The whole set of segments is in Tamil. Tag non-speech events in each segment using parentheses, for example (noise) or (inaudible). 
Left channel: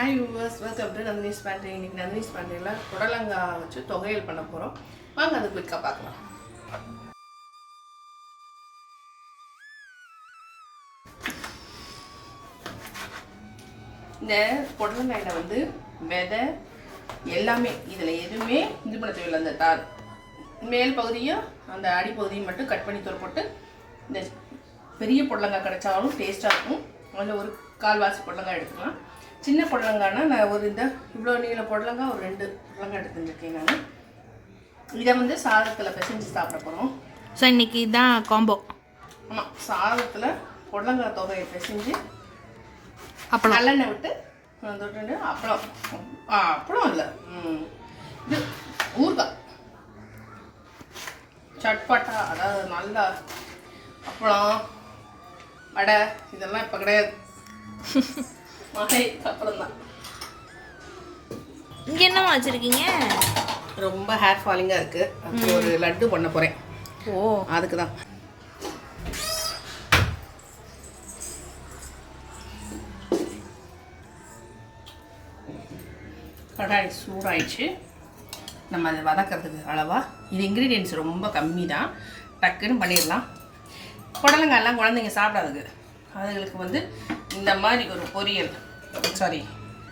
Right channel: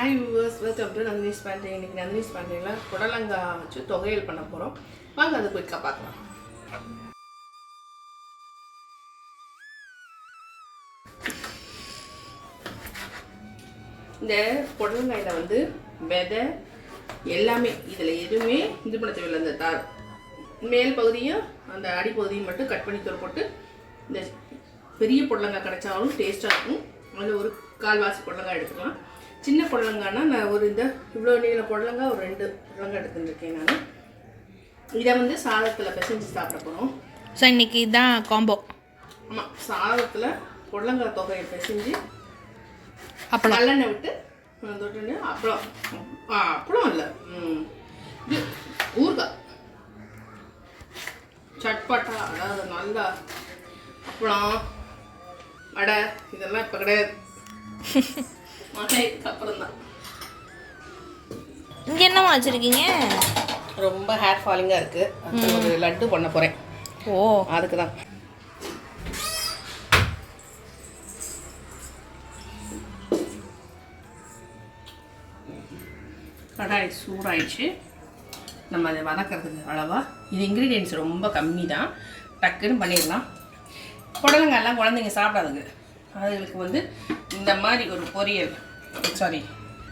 Hi viewers welcome to Nandini's painting இன்னைக்கு நந்தினிஸ் பேண்டிங்கில் புடலங்காய் வச்சு தொகையல் பண்ண போகிறோம் வாங்க அது குயிக்காக பார்க்கலாம். இந்த புடலங்காயில் வந்து விதை எல்லாமே இதில் எதுவுமே இது பண்ண தேவையில்லை அந்த தார் மேல் பகுதியும் அந்த அடிப்பகுதியும் மட்டும் கட் பண்ணி தூள் போட்டு இந்த பெரிய புடலங்காய் கிடைச்சாலும் டேஸ்ட்டாக இருக்கும். அதில் ஒரு கால்வாசி புடலங்காய் எடுத்துக்கலாம். சின்ன புடலங்காய்னா நான் ஒரு இந்த இவ்வளோ நீள புடலங்காய் ஒரு ரெண்டு புடலங்காய் எடுத்துருக்கேன் நான். இதை வந்து சாதத்தில் பிசைஞ்சு சாப்பிட போகிறோம் ஸோ இன்னைக்கு இதான் காம்போ ஆமாம் சாதத்தில் புடலங்காய் தொகையை பிசைஞ்சு அப்பளம். நல்லெண்ணெய் விட்டு வந்துட்டு அப்பளம். அப்பளம் இல்லை. இது ஊறுகாய். சட்பட்டா அதாவது நல்லா அப்பளம் வடை இதெல்லாம் இப்போ கிடையாது. (laughs) அப்புறம் தான் இங்கே என்னம்மா வச்சுருக்கீங்க? ரொம்ப ஹேர் ஃபாலிங்காக இருக்குது ஒரு லட்டு பண்ண போகிறேன் ஓ. அதுக்கு தான் கடாய் சூடாயிடுச்சு. நம்ம அதை வதக்கிறதுக்கு அளவா. இது இன்க்ரீடியன்ஸ் ரொம்ப கம்மி தான் டக்குன்னு பண்ணிடலாம். புடலங்காயெல்லாம் குழந்தைங்க சாப்பிடாதுங்க அதுகளுக்கு வந்து இந்த மாதிரி ஒரு பொரியல் சாரி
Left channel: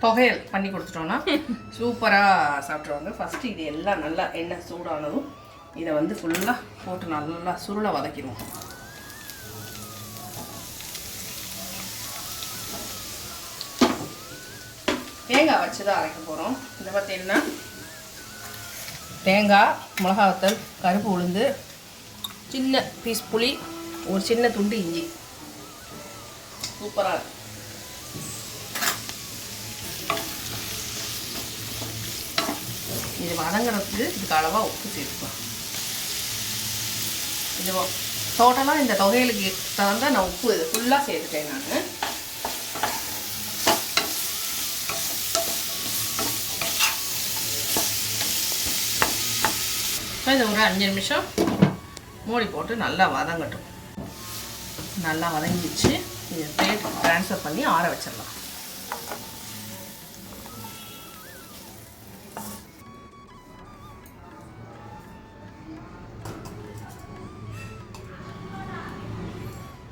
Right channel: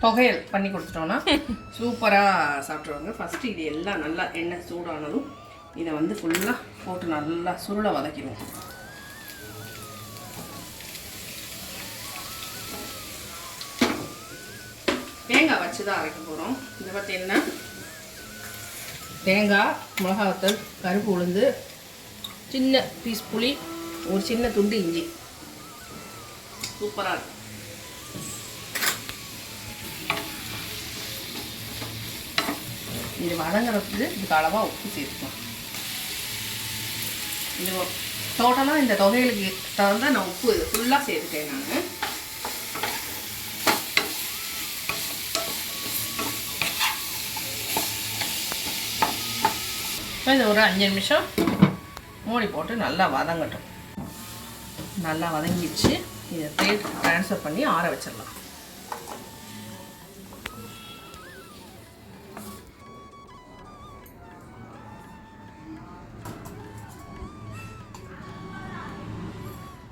தொகையல் பண்ணி கொடுத்துட்டோன்னா (laughs) சூப்பராக சாப்பிட்ருவாங்க ஃபஸ்ட்டு இது எல்லாம் நல்லா எண்ணெய் சூடானதும் இதை வந்து ஃபுல்லாக போட்டு நல்லா சுருளை வதக்கிடுவோம். தேங்காய் வச்சு தான் அரைக்க போகிறோம் இதை பார்த்தீங்கன்னா தேங்காய் மிளகாவத்தல் கருப்பு உளுந்து சின்ன பீஸ் புளி ஒரு சின்ன துண்டு இஞ்சி. சூப்பராக இருக்கும் இது வதங்குறதுக்கு இதுக்கு அளவாக உப்பு சேர்த்துக்கலாம் இது டோட்டலாக இந்த தொகைகளுக்கு தகுந்த நான் உப்பு இது ஃபுல்லாக சேர்த்துட்டேன் நான். இப்போ இது ஒரு அஞ்சு நிமிஷம் மூடி போட்டு நல்லா வதங்கட்டும். நல்லா வதங்கிடுச்சு. இதை பிளேட் ட்ரான்ஸ்ஃபர் பண்ணி ஆற வச்சிடலாம்.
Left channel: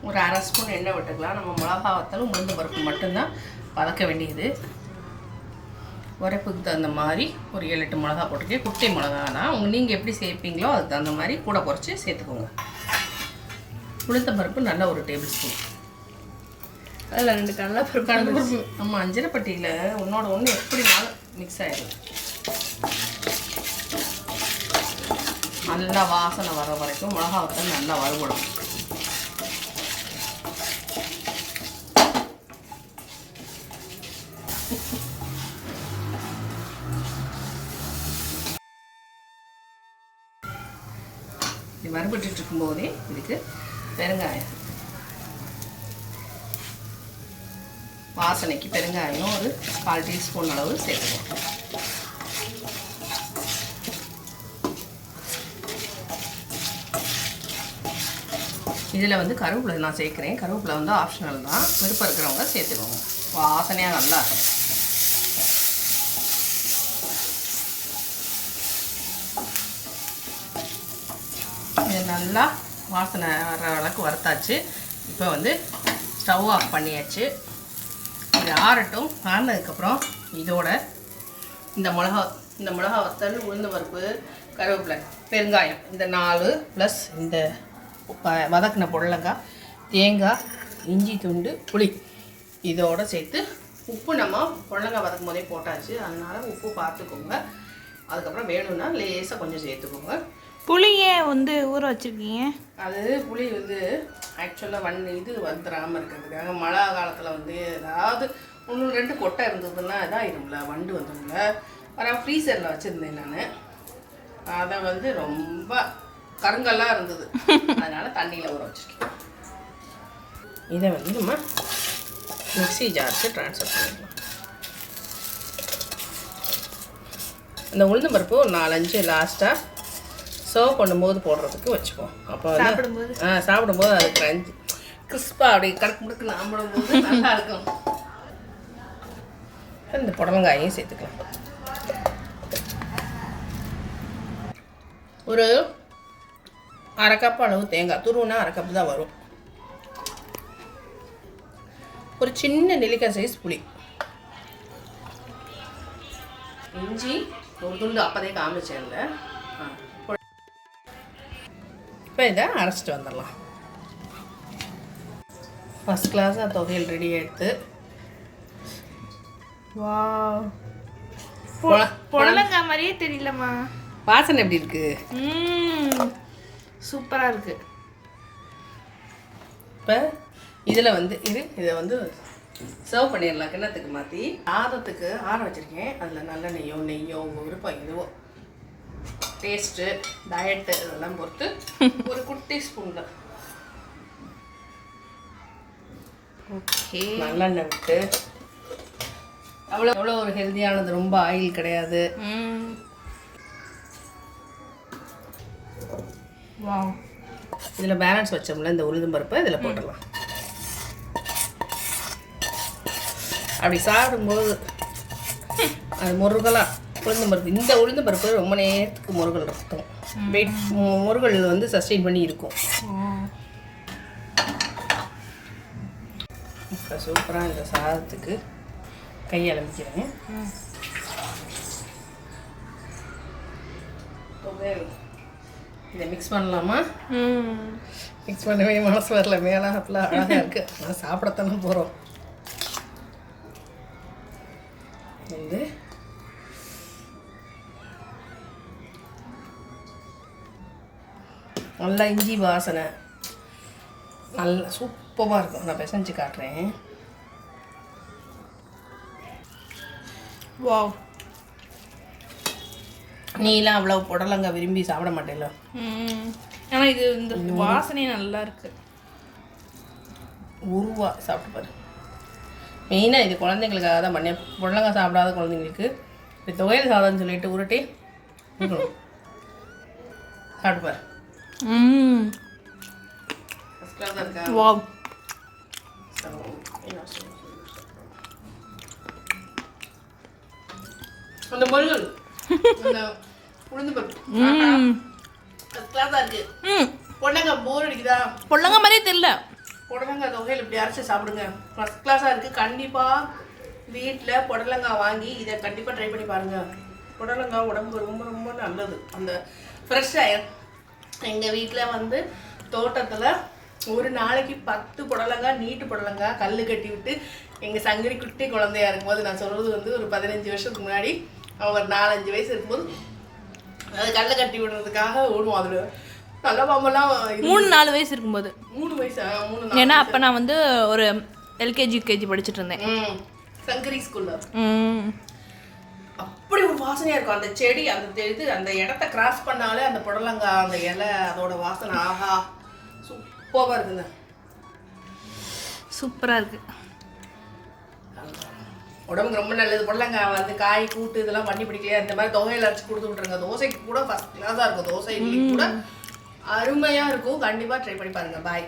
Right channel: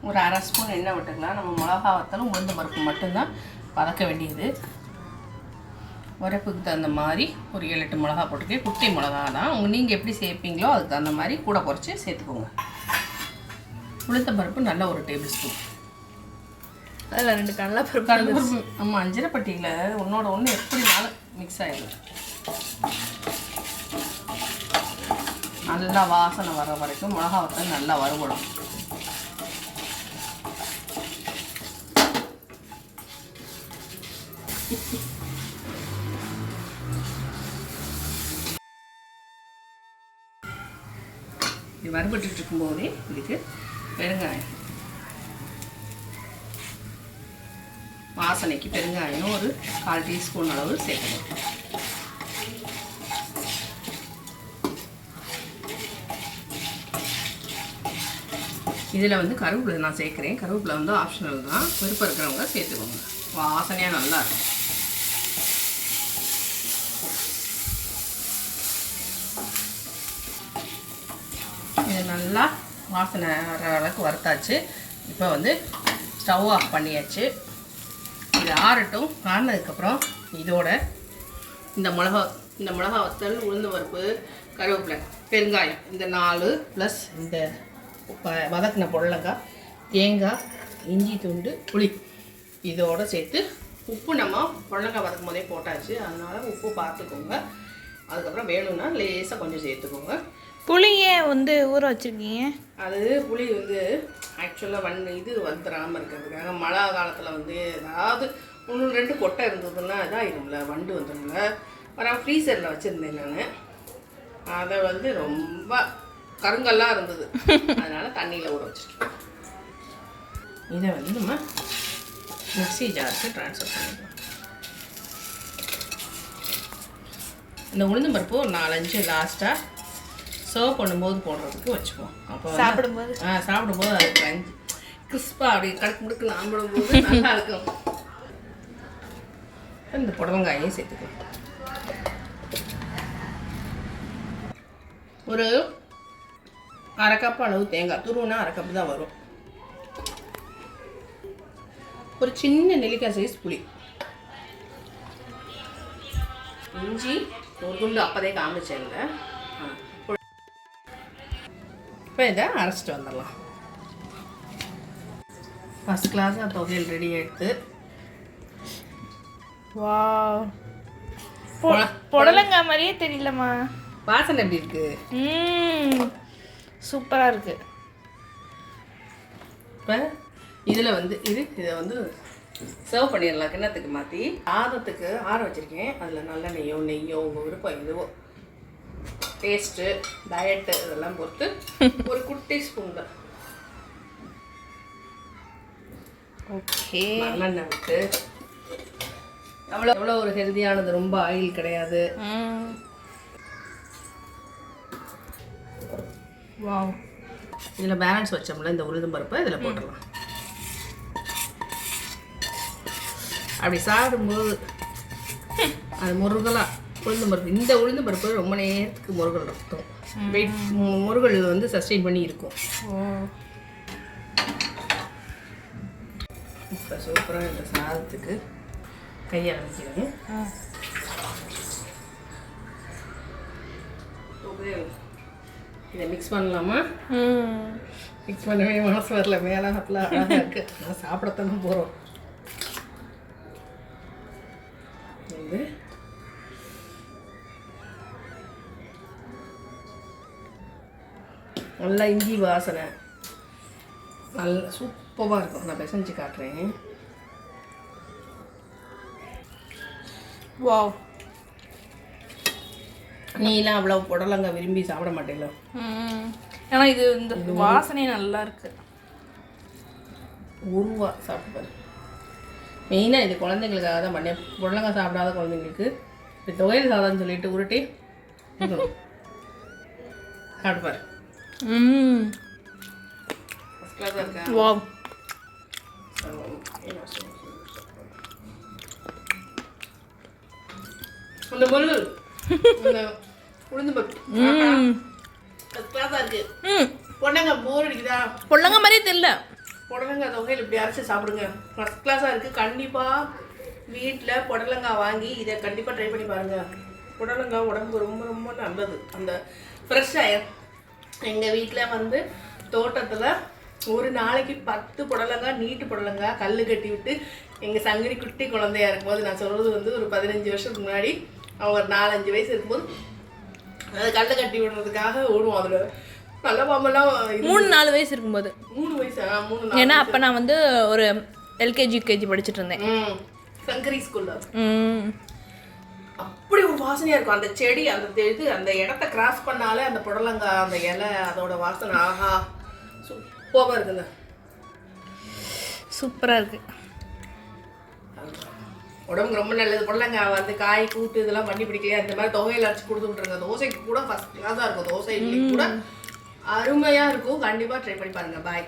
ஒரு அரை ஸ்பூன் எண்ணெய் விட்டுக்கலாம். நம்ம மிளகா வத்தலும் உளுந்து பருப்பு மட்டும்தான் வதக்க வேண்டியது. உரைப்புக்கு தகுந்த மாதிரி ஒரு ஏழு எட்டு மிளகா போட்டுக்கே குட்டி மிளகா தான். உங்கள் நீங்கள் எப்படி சேர்ப்பீங்களோ அதுக்கு தகுந்த மாதிரி கூட குறைச்சி சேர்த்துக்கோங்க. உளுத்த பருப்பு நல்ல ஒரு டேபிள் ஸ்பூன் அதில் ரெண்டு கடலை பருப்பு கடலைப்பருப்பு ஆமாம் அஞ்சரைப்பட்டியில் ஒன்றோட ஒன்று எப்படினாலும் மிக்ஸ் ஆகிடும் நல்லா வாசனை வர வரைக்கும் மிளகா வத்தல் நல்லா வறுபடும். இது வறுபட்டு இருக்கும்போதே இதுக்கு பெருங்காயம். வாசனைக்கு பெருங்காயம் ஒரு கால் டீஸ்பூன் அளவு சேர்த்துக்கணும் இதில் வந்து கருவேப்பிலை நான் சேர்க்குறேன். கருவேப்பிலை வந்து ஆப்ஷனல் தான். விருப்பம் இருக்கிறவங்க சேர்த்துக்கோங்க. வாசனையாக நல்லா இருக்கும். இது நல்லா வாசனை வர அளவுக்கு வறுத்தாச்சு. இப்போ வந்து ஸ்டவ் ஆஃப் பண்ணியாச்சு. இது ஆறட்டும் ஆறினதுக்கப்புறம் இதோட இந்த மிளகா இந்த மிளகா வத்தல் உளுந்து பருப்பு கருவேப்பிலை பெருங்காயம் இந்த நாலு ப்ளஸ் இந்த வ- வதக்கின பொடலங்காய் தேங்காய் இஞ்சி துண்டு புளி இதோடு சேர்த்து உப்பு நம்ம பொடலங்காய் வதக்கும் போதே போட்டாச்சு. அதனால் உப்பு பார்த்துக்கோங்க. அதுக்கப்புறம் வேணும்னா லேசாக கொஞ்சம் சேர்த்துக்கோங்க. புளியை வந்து ஊற வச்சுருக்கீங்க? அது புளி வந்து ஆக்சுவலாக வண் இது வந்துடாமல் இருக்கிறதுக்காக மழை காலத்தில் வந்து ஏதாவது ஒன்று ரெண்டு கொட்டை இருந்ததுன்னா இதாகிடும்ல வண்டு வந்துடும்ல ஆனால் ஃப்ரீசரில் வச்சுருந்தேன் நான். அதை வந்து ரொம்ப கருங்கல்லாம் இருந்தது. அதனால் தண்ணியில் ஊற வச்சுட்டோம் இதை வந்து நம்ம மிக்ஸி ஜாருக்கு ட்ரான்ஸ்ஃபர் பண்ணிடலாம் இந்த உளுந்து பருப்பு ஒரு நாலஞ்சு லாஸ்ட்டாக சர்வ் பண்ணும்போது போடுறதுக்கு வச்சுப்போம். அப்போ சாப்பிடும்போது? ஆ சாப்பிடும்போது அது கிரஞ்ச் கிறிஸ்பாக அப்படி கணக்கு முடுக்கு ஆம்பிடும்போது நல்லா இருக்கும். இந்த புடலங்காயையும் சேர்த்துக்கலாம். ஒரு அரை கப் அளவு தேங்காய் துருவுனா அரை கப் தான் வரும். ஒரு சின்ன நெல்லிக்காய் சைஸ் புளி. இஞ்சி ஒரு துண்டு அப்போதே காமிச்சேன்ல இப்போ இதை அரைச்சிட்டு வந்துடலாம் ஃபஸ்ட் கிளாஸாக துவையல் ரெடி ஆகிடுது வா புடலங்காய் மாதிரியே தெரியலம்மா வாசனை எப்படி இருக்கு ம் சூப்பராக இருக்கு இப்போ இதில் வந்து இது இதை வந்து சர்வ் பண்ணிடலாம். கிண்ணத்துக்கு மாற்றி சாதத்துக்கு ஆற வச்சுருக்கேன். அதில் நல்ல நெய்யோ நெய்யோ உங்கள் விருப்பம் இதுவோ டேஸ்ட்டு டயட்டு இதெல்லாம் பொறுத்து (laughs) ஒரு குட்டி ஸ்பூன் தான். ஓகே நல்லெண்ணெய் விட்டு. அவ்வளோ எவ்வளோ ஒரு ஹெல்தியானது ரொம்ப ஆயில் கிடையாது. வாவ் இதில் பேலன்ஸ் வச்சோம்ல இந்த உளுந்தம் பருப்பை இதில் போட்டுடலாம். அப்படி சாப்பிடும்போது அது முருகலாக உளுந்தம் பருப்பு. இந்த உளுந்தம் பருப்பு ரொம்ப நேரத்துக்கு முருகல் இருக்கும் வெயிட் முருகல் வந்து சஸ்டெயின் பண்ணி இருக்கும். சூப்பராக இந்த சாதத்துக்கு கையால் வைக்கிறேன் ம் இதை மிக்ஸ் பண்ணலாமா? மிக்ஸ் பண்ணவே மனசு வரல. மேலே அப்பெல்லாம் இருக்குது நான் சாப்பிடத்தானே போகிறோம் வந்து நல்லா இஞ்சி வாசனை. நல்ல சூப்பராக இருக்கும். நான் பிசைஞ்சு காட்டுறேன். வாவ். நீலாம் அவ்வளோ புடலங்க விரும்பி சாப்பிட மாட்டேங்களா ஏன்னா இது இந்த வாசனையே நல்லா இருக்கு. உருவா சாப்பிட்டு பாரு. மெயினாக இது குழந்தைங்களுக்காக தான் பண்ணேன். புடலங்காய் சாப்பிடாத குழந்தைங்களுக்கு இப்படி துவையல் சாதம்னு சொல்லிட்டு உருட்டி கொடுக்கணும். சாப்பிட்டு பாரு. ம் ஃபஸ்ட் கிளாஸாக இருக்கா? வாவ். அந்த முருகல் உளுந்து பருப்பு. ம் ஃபஸ்ட் கிளாஸாக இருக்கு. ம் பொண்ணங்க போர் அடிக்குதா? பொடலங்காய் மாதிரியே தெரியல. புடலங்காய் தொகையில் இப்படி அரைச்சி சாப்பிடுங்க. ஃபஸ்ட் கிளாஸாக இருக்குது கண்டிப்பாக வீட்டில் புடலங்காய் வாங்கி இதை கண்டிப்பாக ட்ரை பண்ணி பாருங்கள் புடலங்காய் உடம்புக்கு ரொம்ப ரொம்ப நல்லது. அந்த ஃப்ரெஷ்ஷாக எங்கள் வீட்டில் வந்து தோட்டத்தில் ஒரு நாளைக்கு பத்து புடலங்காய் நீட்டு புடலங்காய் கல் கட்டி விட்டு எங்கள் சங்கரி குட்டி குழந்தையா இருக்கும்போது நான் சொல்கிறது வந்து ஒரு பதினஞ்சு வருஷத்துக்கு முன்னாடி. அவங்க ஒரு நாலஞ்சு வயசு இருக்கும்போது அது கல்லை கட்டி விடுறதுக்காக ஓடுவோம் அதில். மூணு நாலு வயசு இருக்கும்போது. மூணு வயசு? ஆ, மூணு நாலு ஏன்னா அப்போ நான் வந்து ஒரு எல்கேஜி யூகேஜி படிச்சுட்டு இருந்தேன். சங்கரி ஸ்கூல்ல அப்படி ஒரு வாசனையா இருக்கும். அந்த செடி அந்த இது அந்த இடத்த கிராஸ் பண்ணாலே அந்த புடலங்காய் அந்த இலை அதோட வாசனை ஆஹா. சூப்பராக இருக்குங்க. சூப்பராக இருக்கு. உடம்புக்கு ரொம்ப நல்லது. புடலங்காய் வந்து காய் கூட்டு இதெல்லாம் பண்ணி பிடிக்கலையா? இந்த மாதிரி தொகையில் அரைச்சி கொடுத்து விட்ருங்க தோசைக்கு கூட ஃபஸ்ட் கிளாஸாக இருக்கும். தோசை கூட அருமையாக இருக்கும். கண்டிப்பாக ட்ரை பண்ணி பாருங்க. பாய்